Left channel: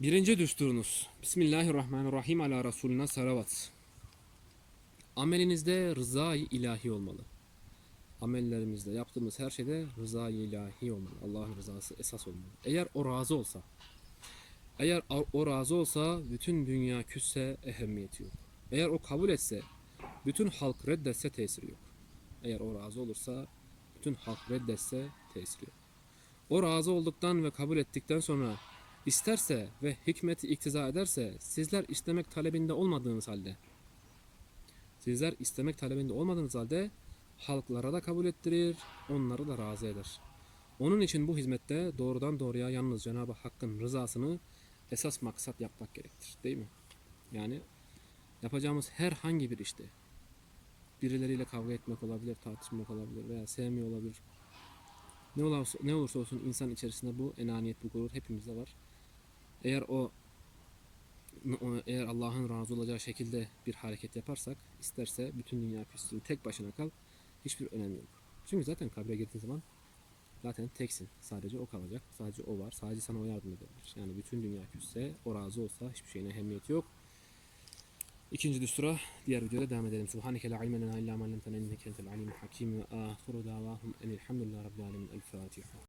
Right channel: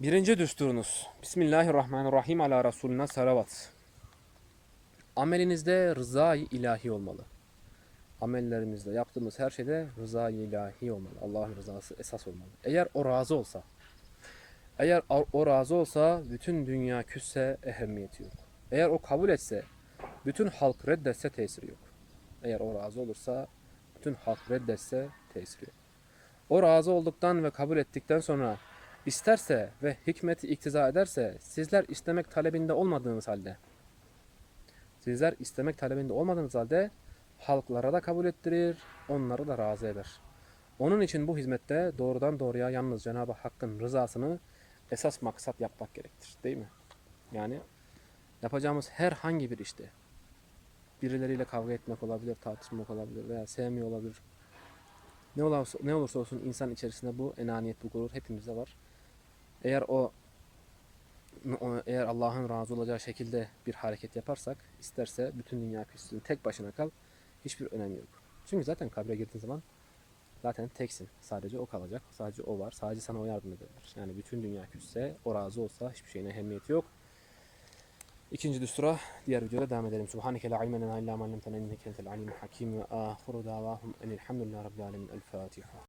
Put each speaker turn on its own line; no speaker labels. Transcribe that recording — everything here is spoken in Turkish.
Birinci düsturunuz. Bismillahirrahmanirrahim ala Resulüne salavat. Amelinizde rızayı ilahi olmalı. Amellerimizde yaptığımız her şeyde rızayı ilahi olmalı. Allah'ın rızası esas olmalı. Eğer o razı olsa, eğer o razı olsa bütün dünya küsse ehemmiyeti yok. Eğer o kabul etse, bütün halk reddetse tesiri yok. Eğer o razı olursa, bütün halk reddetse tesiri yok. O razı olduktan ve kabul ettikten sonra isterse ve hikmeti iktiza ederse sizler istemek talebinde olmadığınız halde sizler istemek talebinde olmadığınız halde halklara da kabul ettirir, onları da razı eder. Onun için bu hizmette doğrudan doğruya yalnız Cenab-ı Hakk'ın rızasını esas maksat yapmak gerektir. Değil mi? Yani yapacağımız herhangi bir işte birileriyle kavga etmek olabilir, tartışmak olabilir veya sevmiyor olabilir. Ne olursa, ne olursa olsun insan içerisinde bu enaniyet, bu gurur hepimizde var. Eğer o eğer Allah'ın razı olacağı şekilde bir hareket yaparsak isterse bütün dünya küstüğü tek başına kal hiçbir önemi yok. Çünkü zaten kabre girdiğin zaman zaten teksin. Sadece o kalacak. Sadece o var. Sadece sana o yardım edebilir. Yani bütün dünya küsse o razı olsa hiçbir şeyine ehemmiyeti yok. İkinci düstura diğer videoda devam edelim. Subhaneke la ilme lena illa ma allamtena inneke entel alimul hakim ve ahiru davahum enilhamdülillahi rabbil alemin. El Fatiha.